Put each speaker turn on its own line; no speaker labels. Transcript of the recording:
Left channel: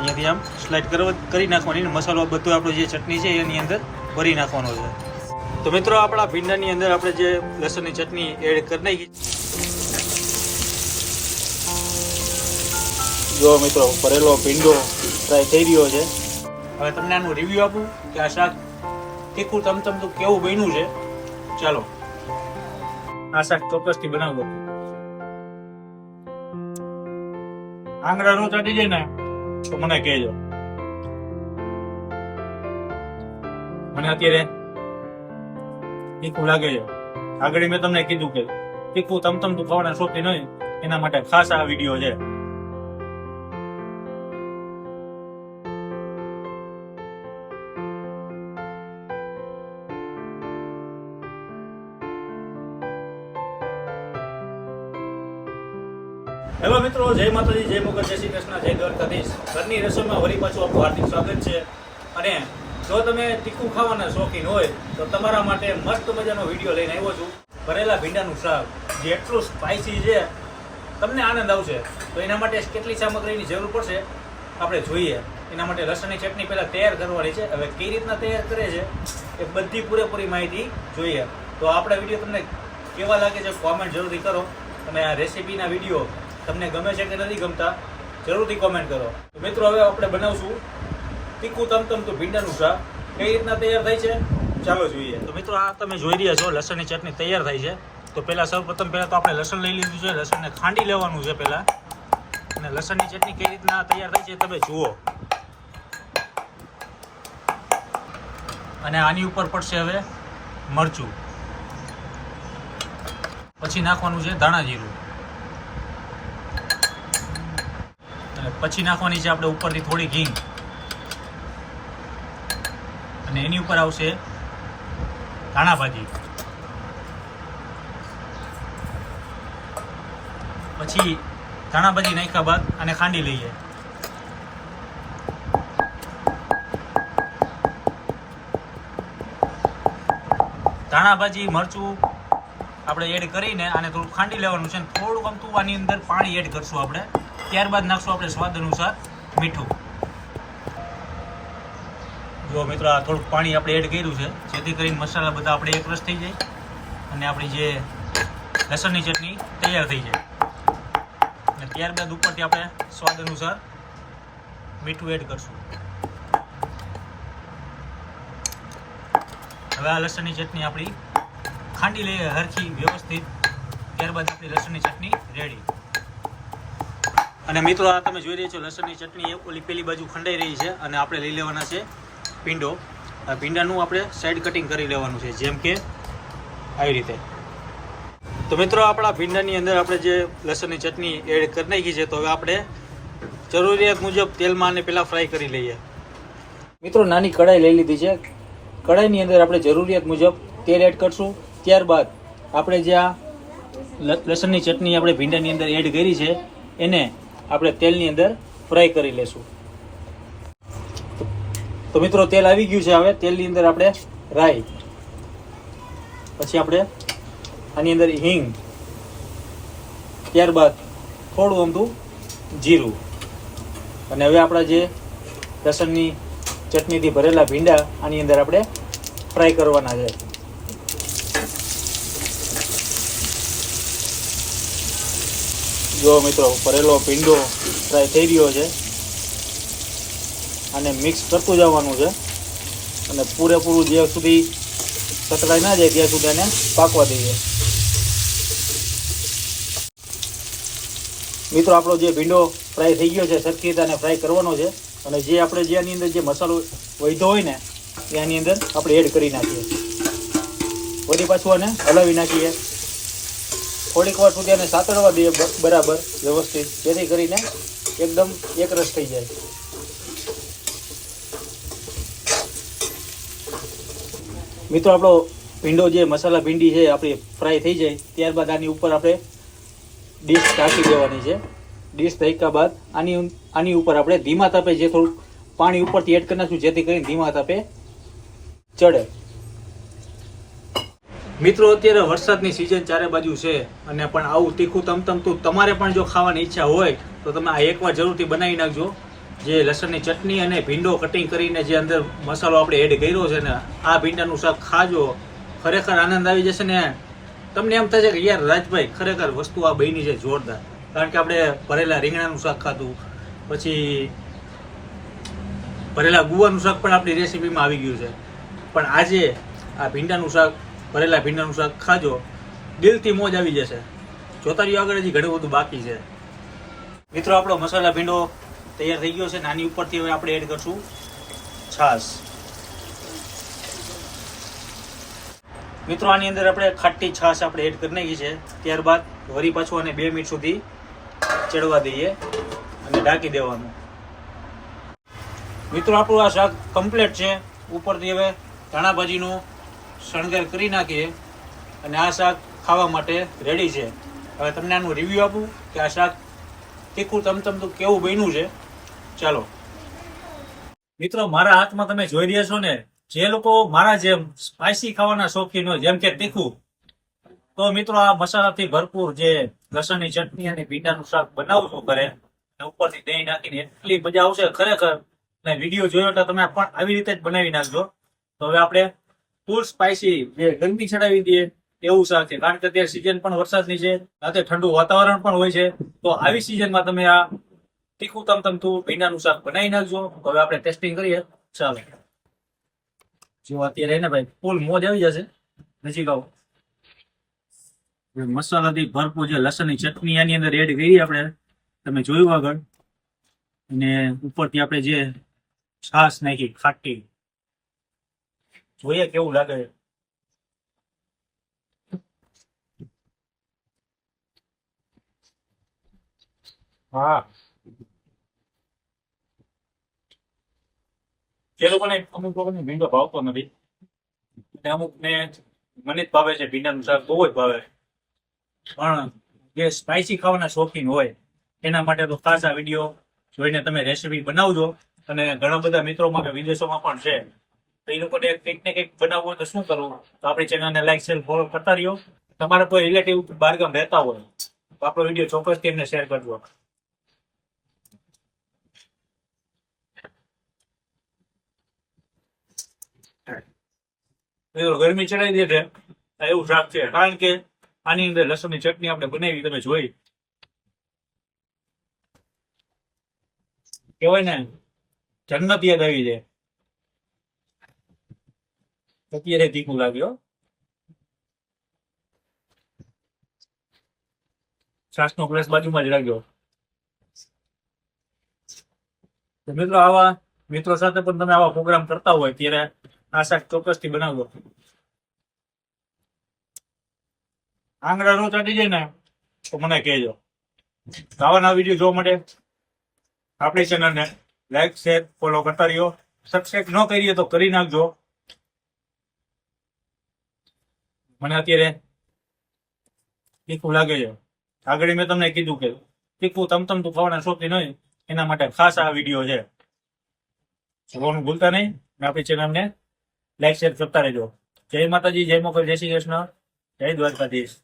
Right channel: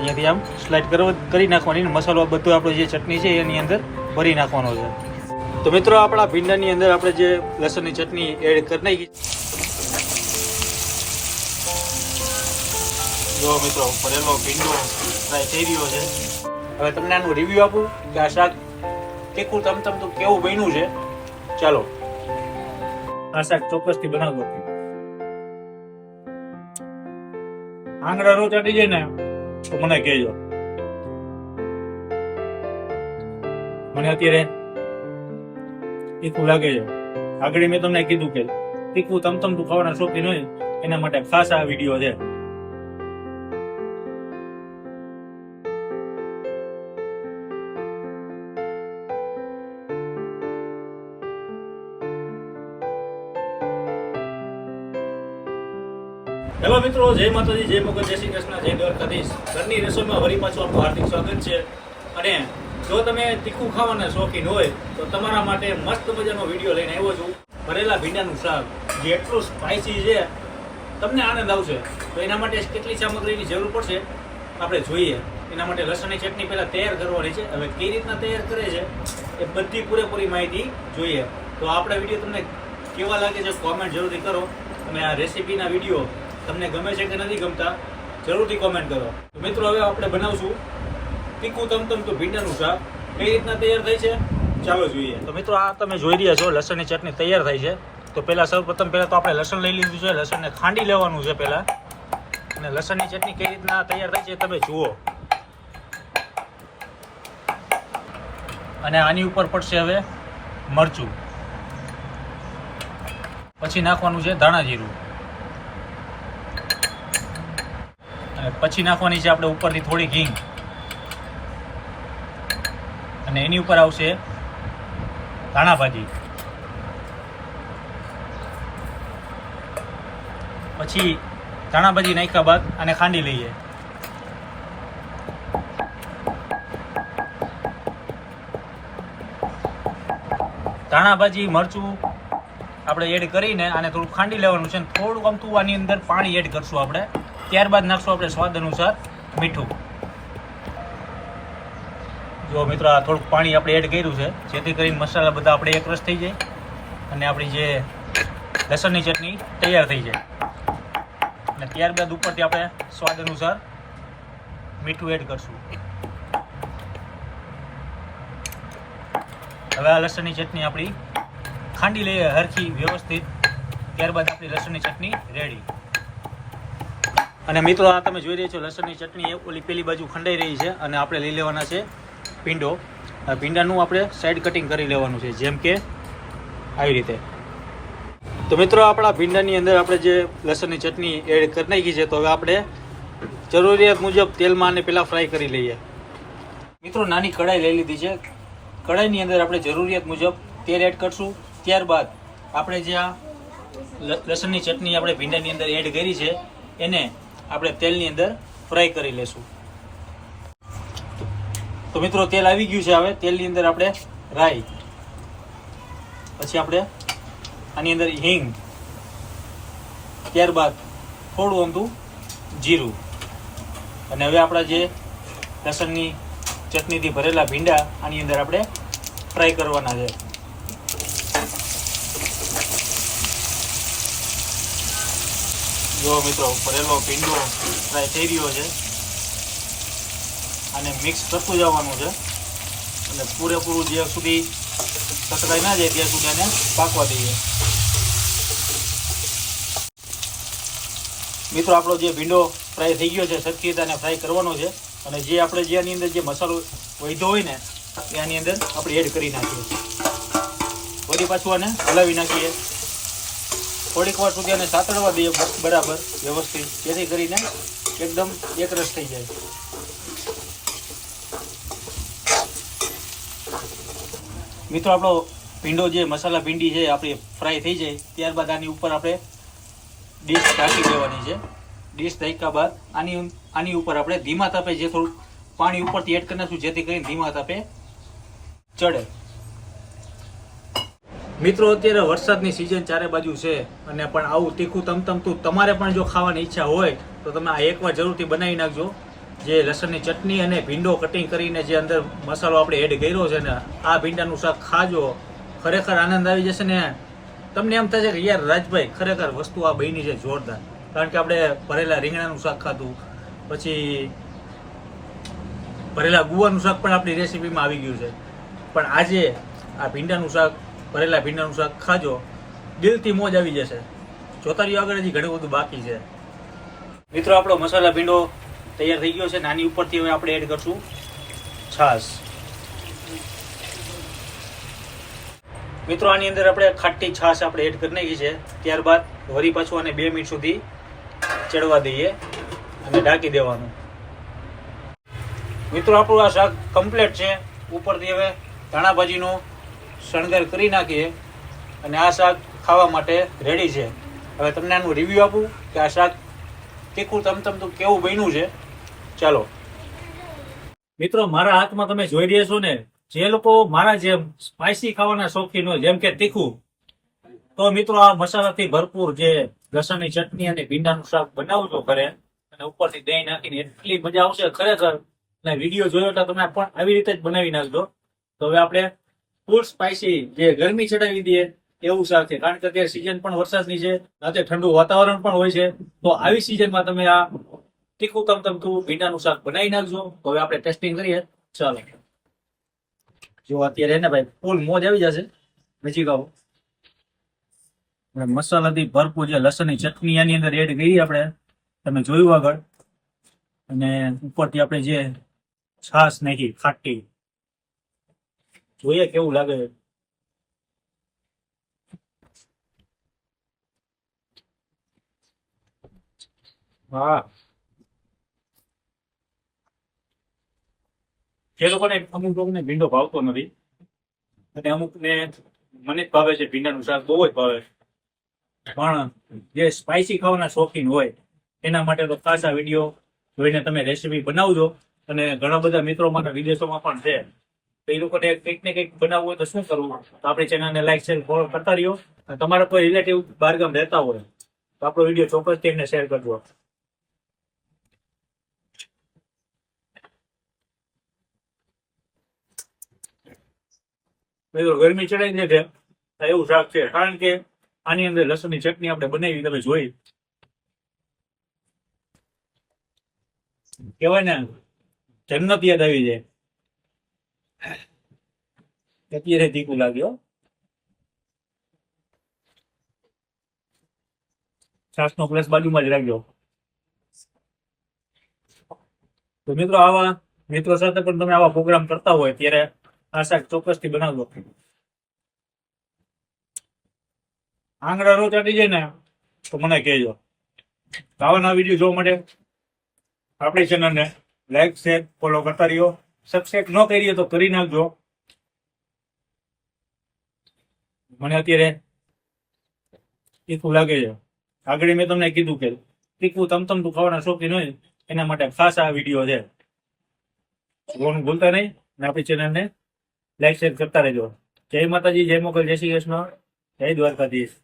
અહીંયાથી આમ સ્લાઇડ કરવા કરી નાખવાની અને મસાલો બધો આપણો જે ચટણી છે એની અંદર ભરી નાખવાનો છે. તો મિત્રો આપણા ભીંડાની અંદર આપણે જે લસણની ચટણી એડ કરી નાખી. જો મિત્રો, ભરેલો ભીંડો ફ્રાય થઈ રહ્યો છે. હવે તમને આનું રિવ્યુ આપું કે આ શાક તીખું તમ તમ તો કેવું બન્યું છે. ચાલો. આ શાક ચોક્કસથી બનાવજો આંગળા નો અડી જાય ને તો મને કહેજો. મને અત્યારે તીખું લાગે છે. આગળ મેં તમને કીધું કે તીખું તમ તમ તું ખાવાના શોખીન હોય એના માટે ખાસ આ વીડિયો છે. હેલો મિત્રો, જય માતાજી, જય મોગલ જય શ્રી કૃષ્ણ, જય દ્વારકાધીશ. ઘરની રસોઈમાં વળી પાછું આપણું હાર્દિક સ્વાગત છે. અને જો તમે તીખું ખાવાના શોખીન હોય, તો તમારા માટે મસ્ત મજાનો વીડિયો લઈને આવ્યો છું. ભરેલા ભીંડાનું શાક, જે એટલું સ્પાઇસી છે, તમને આનંદ આવશે. તો એના માટે કેટલી સામગ્રીની જરૂર પડશે? આપણે જોઈએ. એના માટે લસણની ચટણી પહેલાં તૈયાર કરવાની છે. હવે કઈ રીતના તૈયાર કરે છે, એ બધી પૂરેપૂરી માહિતી જોઈએ. તો આપણા વીડિયો તમને કેવા લાગે છે કોમેન્ટ જરૂરી કરો. તમે આ રેસીપીના વીડિયો તમને ગમે છે કે નથી ગમતા, જરૂરથી કોમેન્ટ કરો. મિત્રો, હવે આપણે બનાવશું તીખું તમતમ તો ભીંડાનું શાક. કઈ રીતના તૈયાર થાય છે? ચાલો જોઈએ. તો મિત્રો, આ તમે જોઈ રહ્યા છો, લસણની ચટણી તૈયાર થાય છે. તો પહેલાં સૌપ્રથમ પહેલાં તો આપણે લસણ લઈ લીધું છે. લસણને ખાંડી લેવાનું છે પહેલાં. અને લસણની ચટણી કઈ રીતના તૈયાર થાય છે તમે જુઓ. અને આની ઉપર પડશે હવે મરચું. પછી નાખવાનું છે ધાણા જીરું અને પછી નાખવાની છે આપણે ઉપરથી થોડી ઘી. અને એની ઉપર આવશે ધાણા ભાજી. પછી ધાણા ભાજી નાખ્યા બાદ આને ખાંડી લઈએ. ધાણા ભાજી, મરચું આપણે એડ કરીને આને થોડું ખાંડી લેવાનું છે અને થોડુંક અમથું આની અંદર પાણી એડ કરશું આપણે. ત્યારબાદ નાખશું આપણે સ્વાદ અનુસાર મીઠું. જો મિત્રો, આ થોડુંક પાણી આપણે એડ કર્યું છે, જેથી કરીને મસાલા બધા આપણે એકરસ થઈ જાય અને આપણી જે લસણની ચટણી તૈયાર થઈ જાય. અને ત્યારબાદ ઉપરથી આપણે સ્વાદ અનુસાર મીઠું એડ કરશું. હવે આ લસણની ચટણી આપણી ખાંડી લઈએ હરખી વ્યવસ્થિત, ત્યારબાદ આપણી લસણની ચટણી રેડી અને મિત્રો, આ તમે જોઈ રહ્યા છો, લસણની ચટણી, એ ઓલી પેલી બાજુ ખંડાઈ રહી છે અને આપણે લઈ લેવાના છે આ ભીંડાનું આપણે સાઈડ કટિંગ કરી લેવાનું છે, જેમ કે આવી રીતે. તો મિત્રો, આપણા ભીંડાની અંદર આપણે જે લસણની ચટણી એડ કરી નાખી છે, તો હવે આપણે જરૂરિયાત મુજબ તેલમાં આને પહેલાં ફ્રાય કરી લઈએ. મિત્રો, નાની કઢાઈ લઈ લીધી છે. કઢાઈની અંદર આપણે જરૂરિયાત મુજબ તેલ એડ કરશું. ત્યારબાદ આપણે જે આ લસણની ચટણી આપણે ભીંડાની અંદર એડ કરી છે, એને આપણે તેલની અંદર ફ્રાય કરી લેશું. તો મિત્રો, તેલ આવી ગયું છે હવે. તેલની અંદર આપણે રાઈ, પછી આપણે આની અંદર હિંગ, ત્યારબાદ થોડું અમથું જીરું. અને હવે આપણા જે લસણની ચટણીથી ભરેલા ભીંડા આની અંદર આપણે ફ્રાય કરવાના છે. જો મિત્રો, ભરેલો ભીંડો ફ્રાય થઈ ગયો છે અને મિક્સ કરતું જવાનું છે અને પૂરેપૂરું જ્યાં સુધી કચરાઈ ના જાય ત્યાં સુધી એને પાકવા દઈએ. મિત્રો, આપણો જે ભીંડો ફ્રાય થઈ ગયો છે, સરખી રીતે ફ્રાય કરવાનો છે અને જે આપણે જે અંદર જે મસાલો વધ્યો હોય ને એ અંદર આપણે એડ કરી નાખીએ. વળી પાછું આને હલાવી નાખીએ. થોડીક વાર સુધી અને સાતળવા દઈએ બરાબર વ્યવસ્થિત. જેથી કરીને એકદમ એકરસ થઈ જાય. મિત્રો, આપણો ભીંડો જે મસાલા ભીંડી છે, આપણી ફ્રાય થઈ જાય. ત્યારબાદ આની ઉપર આપણે ડીશ કાઢી દેવાની છે. ડીશ ઢાંક્યા બાદ આની આની ઉપર આપણે ધીમા તાપે જે થોડું પાણી ઉપરથી એડ કરી નાખશું, જેથી કરીને ધીમા તાપે ચડે. મિત્રો, અત્યારે વરસાદની સિઝન ચારે બાજુ છે અને પણ આવું તીખું તમતમતું તમારે પણ જો ખાવાની ઈચ્છા હોય, તો તમે આ એકવાર જરૂરથી બનાવી નાખજો. જે લસણની ચટણી અને ભીંડો કટિંગ કરીને જે અંદર મસાલો આપણે એડ કર્યો છે ને, આ ભીંડાનું શાક ખાજો. ખરેખર આનંદ આવી જશે ને. તમને એમ થશે કે યાર રાજભાઈ, ખરેખર વસ્તુ આ બની છે જોરદાર. કારણ કે આપણે ભરેલા રીંગણાનું શાક ખાધું. પછી ભરેલા ગુવાનું શાક પણ આપણી રેસીપીમાં આવી ગયું છે. પણ આજે આ ભીંડાનું શાક ભરેલા ભીંડાનું શાક ખાજો. દિલથી મોજ આવી જશે. જોતા રહ્યો આગળ હજી ઘણું બધું બાકી છે. મિત્રો, આપણો મસાલા ભીંડો તૈયાર થઈ ગયો છે. નાની ઉપરથી હવે આપણે એડ કરશું છાશ. મિત્રો, આની અંદર આપણે ખાટી છાશ આપણે એડ કરી નાખી છે. ત્યારબાદ વરી પાછું અને બે મિનિટ સુધી ચડવા દઈએ અને ઢાંકી દેવાનું. મિત્રો, આપણું આ શાક કમ્પ્લીટ છે. ઉપરથી હવે ધાણા ભાજીનો શણગાર કરી નાખીએ અને આ શાક ખાવા માટે રેડી છે. હવે તમને આનું રિવ્યુ આપું કે આ શાક તીખું, તમતમતું કેવું બન્યું છે. ચાલો. મિત્રો, મારા હાથમાં તમે જોઈ રહ્યા છો ને, જે લોકો મારા જેમ સ્પાઇસી ખાવાના શોખીન હોય, જેમ કે તીખું, તો મિત્રો આ મસાલાથી ભરપૂર જે લસણની ચટણી અને ભીંડાનું શાક બનાવજો ઘરે અને ઉપરથી દહીં નાખીને એટલી મજા આવશે ખરેખર. અને વીડિયો જોયો તો તમે પણ આવી રીતે જ બનાવી નાખજો. તો હવે આપણે ફૂલ સ્પાઇસી જે ગરમી ચડાવી દે એવું શાક છે. કારણ કે અત્યારે સિઝન પણ વરસાદની છે, રાતે ઠંડુ વાતાવરણ પણ હોય છે. તો આવી સિઝનમાં તમે આ તીખું તું ભીંડાનું શાક બનાવી નાખજો. હવે આપણે ટેસ્ટિંગ કરીએ. ચાલો. જો અત્યારે એને ભાઈ ફૂલ મોજ આવી જશે. નજીક આવો. મસાલાથી ભરપૂર જે લસણની ચટણી આની અંદર એડ કરી આપણે, તમે જોયું આગળ. અને ઉપરથી આપણે જે છાશ નાખી, ખાટી. જોઈએ કેવું લાગે. હા. જે લોકોને, અમુક લોકોને ભીંડો ભાવતો નથી. અને અમુકને મને જ ભાવે છે ભીંડાનું શાક, બહુ જ ભાવે. પણ જે સ્પાઇસી ખાવાના શોખીન હોય, એના માટે તો ખાસ આ વીડિયો જોઈને તમે રેસીપી બનાવજો. અને ઘણા બધા મિત્રો માટે વિદેશોમાં પણ છે. તો એ લોકોને કંઈક ને કંઈક બનાવવું હોય તો શું કરવું? તો આપણી ચેનલને લાઈક શેર ફોલો કરતા રહ્યો. તમારા કોઈ રિલેટિવ બહારગામ રહેતા હોય, તો આપણો વીડિયો ચોક્કસથી એમને શેર કરજો. મિત્રો, ગરમી ચડાવી દે છે. એવું શાક છે. કારણ કે આની અંદર લસણની ચટણી આપણે બનાવી, તમે જોઈ. કહેવાય ને, જન્નત યાદ આવી જાય. અત્યારે તીખું લાગ્યો છાસ નો પ્લેસ બાજુમાં જ રાખજો. તો મિત્રો આવા મિત્રો સાથે પણ તમે આવા પ્રોગ્રામ કરતા હોય ત્યારે આ શાક ચોક્કસથી બનાવજો આંગળા રો ચડી જાય ને તો મને કહેજો. આવા નવા વીડિયો જોવા માટે આપણી ચેનલને લાઈક શેર ફોલો કરતા રહ્યો. સબસ્ક્રાઈબ ન કરીએ તો કરી નાખજો. મને અત્યારે તીખું લાગે છે. આગળ મેં તમને કીધું કે તીખું તમતમતું ખાવાના શોખીન હોય, એના માટે ખાસ આ વીડિયો છે. જોવાનું ભૂલતા નહીં અને આપણી ચેનલને લાઈક શેર કરતા રહેજો. જય માતાજી, જય મોકલ જય શ્રી કૃષ્ણ, જય દ્વારકાધીશ.